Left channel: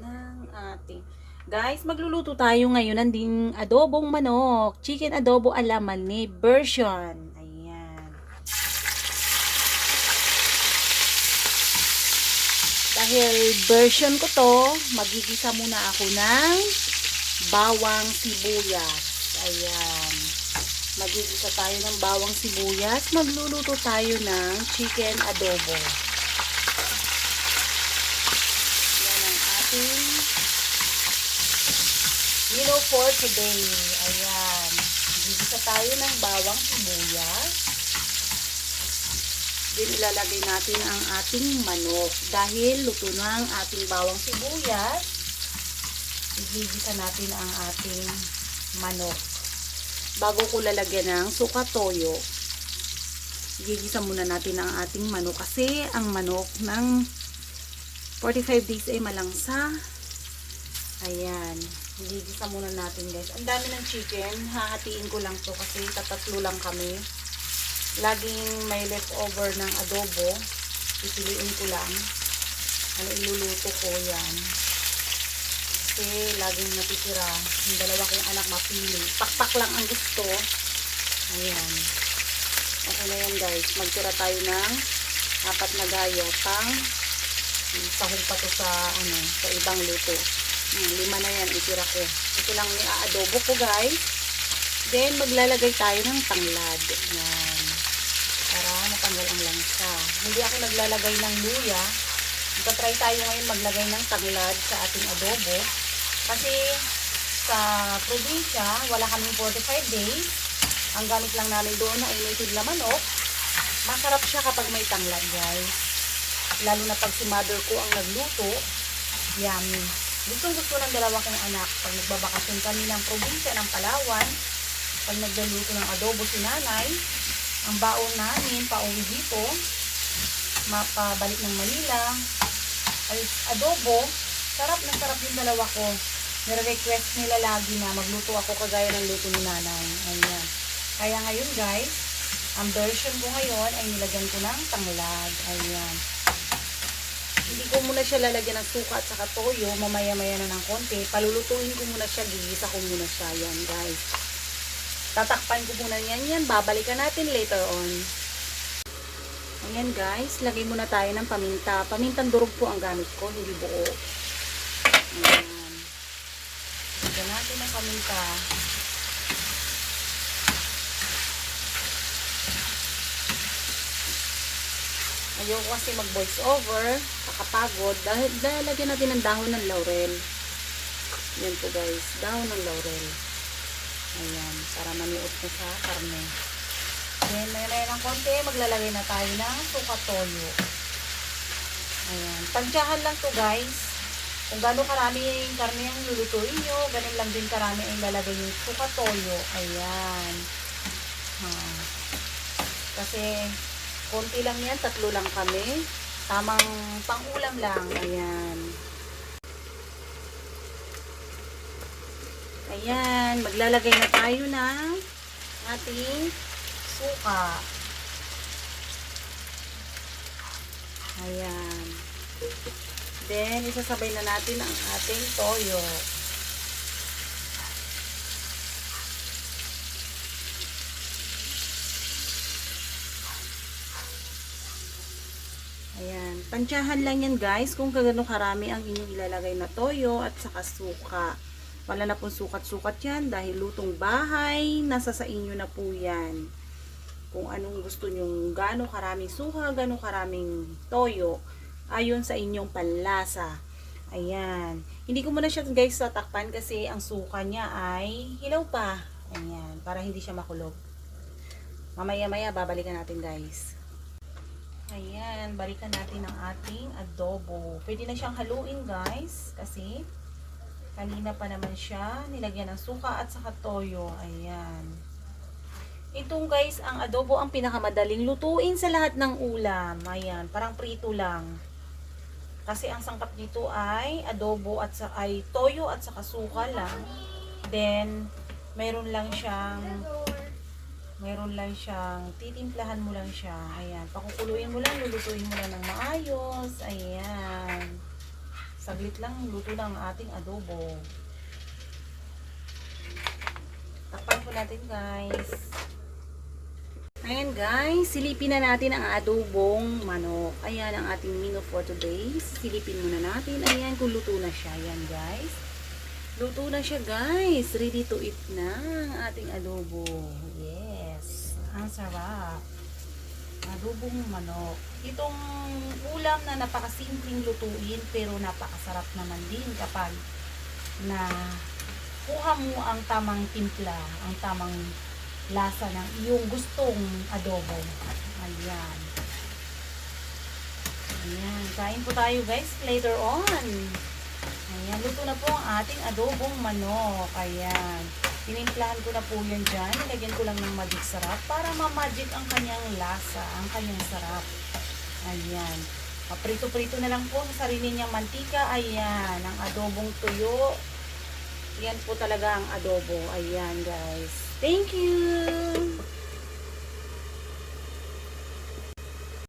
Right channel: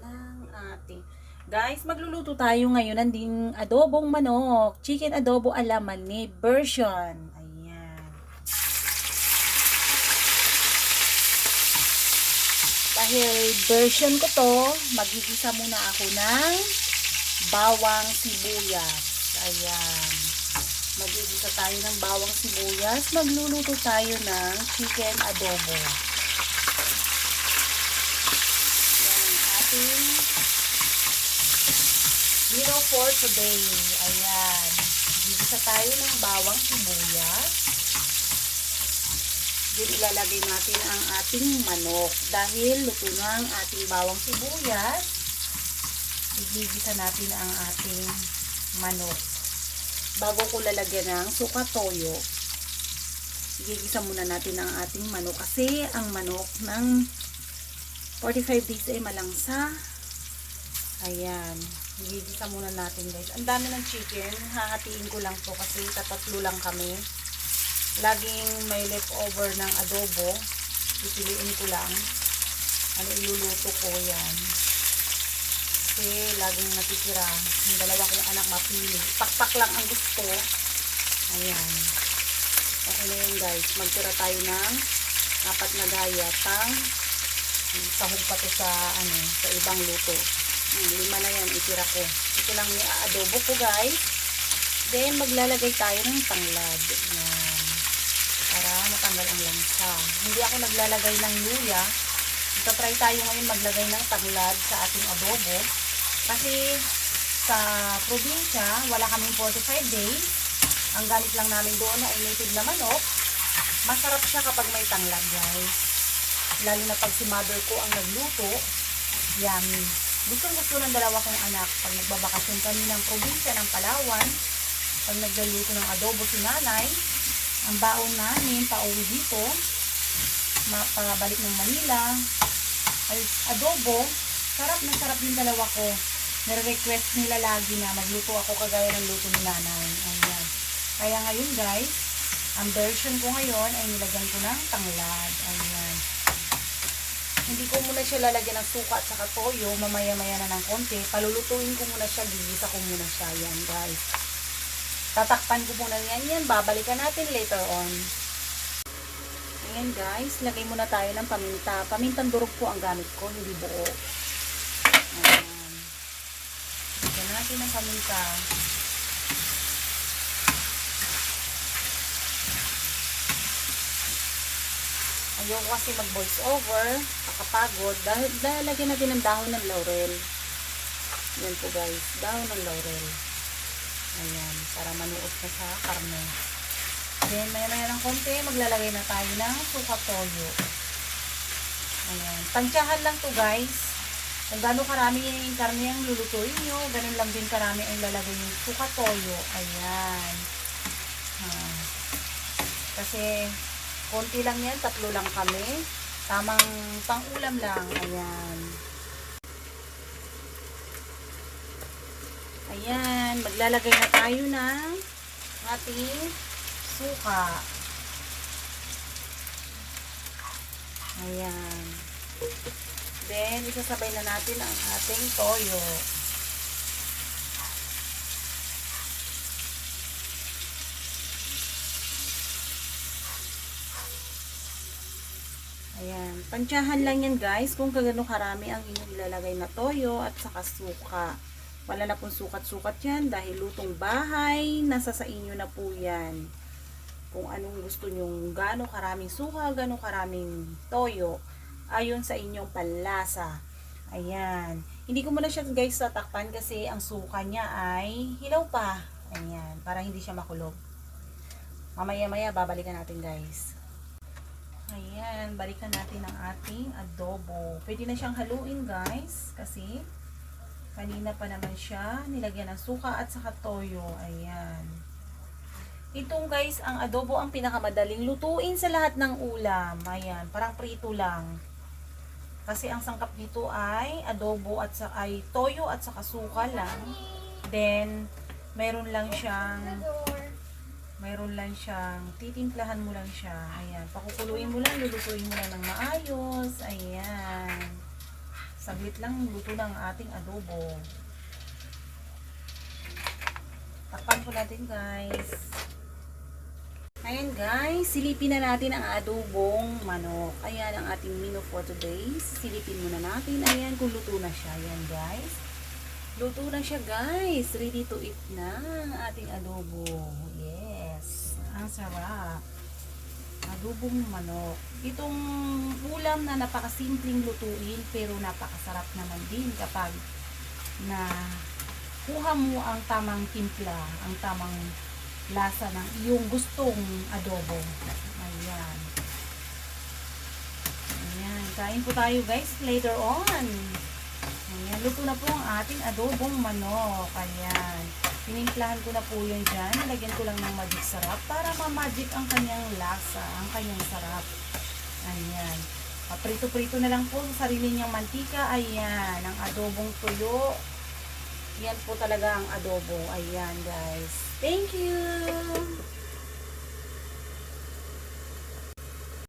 ng ating. Guys, magluluto tayo ngayon ng ding adobong manok. Chicken adobo ala mani version. Ayan. Dahil version ko to, magigisa muna ako ng bawang sibuyas. Ayan. Magigisa tayo ng bawang sibuyas. Magluluto tayo ng chicken adobo. Yan ang ating meal for today. Ayan. Gigisa tayo ng bawang sibuyas. Then ilalagay natin ang ating manok. Dahil luto na ang ating bawang sibuyas, igigisa natin ang ating manok. Bago ko lalagyan ng suka toyo, igigisa muna natin ang ating manok. Kasi ang manok ng 45 days ay malangsa. Ayan. Igigisa muna natin guys. Ang dami ng chicken. Hahatiin ko lang to kasi tatatlo lang kami. Laging may leftover ng adobo. Pipiliin ko lang. Ano iluluto ko yan. Kasi laging natitira. Yung dalawa kong anak mapili. Pakpak lang ang gusto. Ayan. Okay na yan guys. Magtira tayo ng 4 na gaya. Sahog pa to sa ibang luto. 5 na yan, itira ko. Ito lang ni adobo ko guys. Then maglalagay tayo ng tanglad. Yan. Para matanggal ang langsa. Hindi ako naglalagay ng luya. Try tayo ngayon maglagay ng tanglad sa ating adobo. Kasi sa probinsya, wala kaming 45 days. Ang gamit lang namin doon ay native na manok. Masarap siya kapag may tanglad guys. Lalo na pag si mother ko ang nagluto. Yummy. Gusto ng dalawa kong anak. Pag nagbabakasyon kami ng probinsya ng Palawan, pag nagluluto ng adobo si nanay, ang baon namin, pauwi dito, mapabalik ng Manila, ay adobo, sarap na sarap yung dalawa ko. Nire-request nila lagi na magluto ako kagaya ng luto ni nanay. Ayan. Kaya ngayon guys, ang version ko ngayon ay nilagyan ko ng tanglad. Ayan. Hindi ko muna siya lalagyan ng suka at saka toyo. Mamaya-maya na ng konti. Palulutuin ko muna siya. Gigisa ko muna siya. Yan guys. Tatakpan ko muna yan. Babalikan natin later on. Ayan guys. Lagay muna tayo ng paminta. Pamintang durog po ang gamit ko. Hindi buo. Ayan. Lagyan natin ng paminta. Ayaw ko kasi mag-voice over, kakapagod, dahil lagyan natin ng dahon ng laurel. Yan po guys, dahon ng laurel. Ayan, para manuot na sa karne. Then, maya ng konti, maglalagay na tayo ng suka toyo. Ayan, tansyahan lang to guys. Kung gaano karami yung karne ang lulutuin nyo, ganun lang din karami ang lalagay yung suka toyo. Ayan. Kasi, konti lang yan, 3 lang kami. Tamang pang-ulam lang. Ayan. Ayan. Maglalagay na tayo ng ating suka. Ayan. Then, isasabay na natin ang ating toyo. Ayan. Tansyahan lang yan guys kung kagano karami ang inyong ilalagay na toyo at saka suka. Wala na pong sukat-sukat yan dahil lutong bahay. Nasa sa inyo na po yan. Kung anong gusto nyong gano karaming suka, gano karaming toyo. Ayon sa inyong panlasa. Ayan. Hindi ko muna siya guys tatakpan kasi ang suka niya ay hilaw pa. Ayan. Para hindi siya makulog. Mamaya-maya babalikan natin guys. Ayan, balikan natin ang ating adobo. Pwede na siyang haluin guys, kasi kanina pa naman siya nilagyan ng suka at saka toyo. Ayan. Itong guys, ang adobo ang pinakamadaling lutuin sa lahat ng ulam. Ayan, parang prito lang. Kasi ang sangkap dito ay adobo at ay toyo at saka suka lang. Then, meron lang siyang titimplahan mo lang siya. Ayan, pakukuluin mo lang, lulutuin mo lang ng maayos. Ayan. Saglit lang, luto na ang ating adobo. Takpan po natin guys. Ayan guys, silipin na natin ang adobong manok. Ayan ang ating menu for today. Silipin muna natin. Ayan kung luto na siya. Ayan guys. Luto na siya guys. Ready to eat na ang ating adobo. Yes. Ang sarap. Adobong manok. Itong ulam na napakasimpleng lutuin pero napakasarap naman din kapag na kuha mo ang tamang timpla, ang tamang lasa ng iyong gustong adobo. Ayan. Ayan. Kain po tayo guys later on. Ayan. Luto na po ang ating adobong manok. Ayan. Tinimplahan ko na po yan dyan. Nilagyan ko lang ng magic sarap para ma-magic ang kanyang lasa, ang kanyang sarap. Ayan. Prito-prito na lang po sa sarili niyang mantika. Ayan. Ang adobong tuyo. Yan po talaga ang adobo. Ayan guys. Thank you!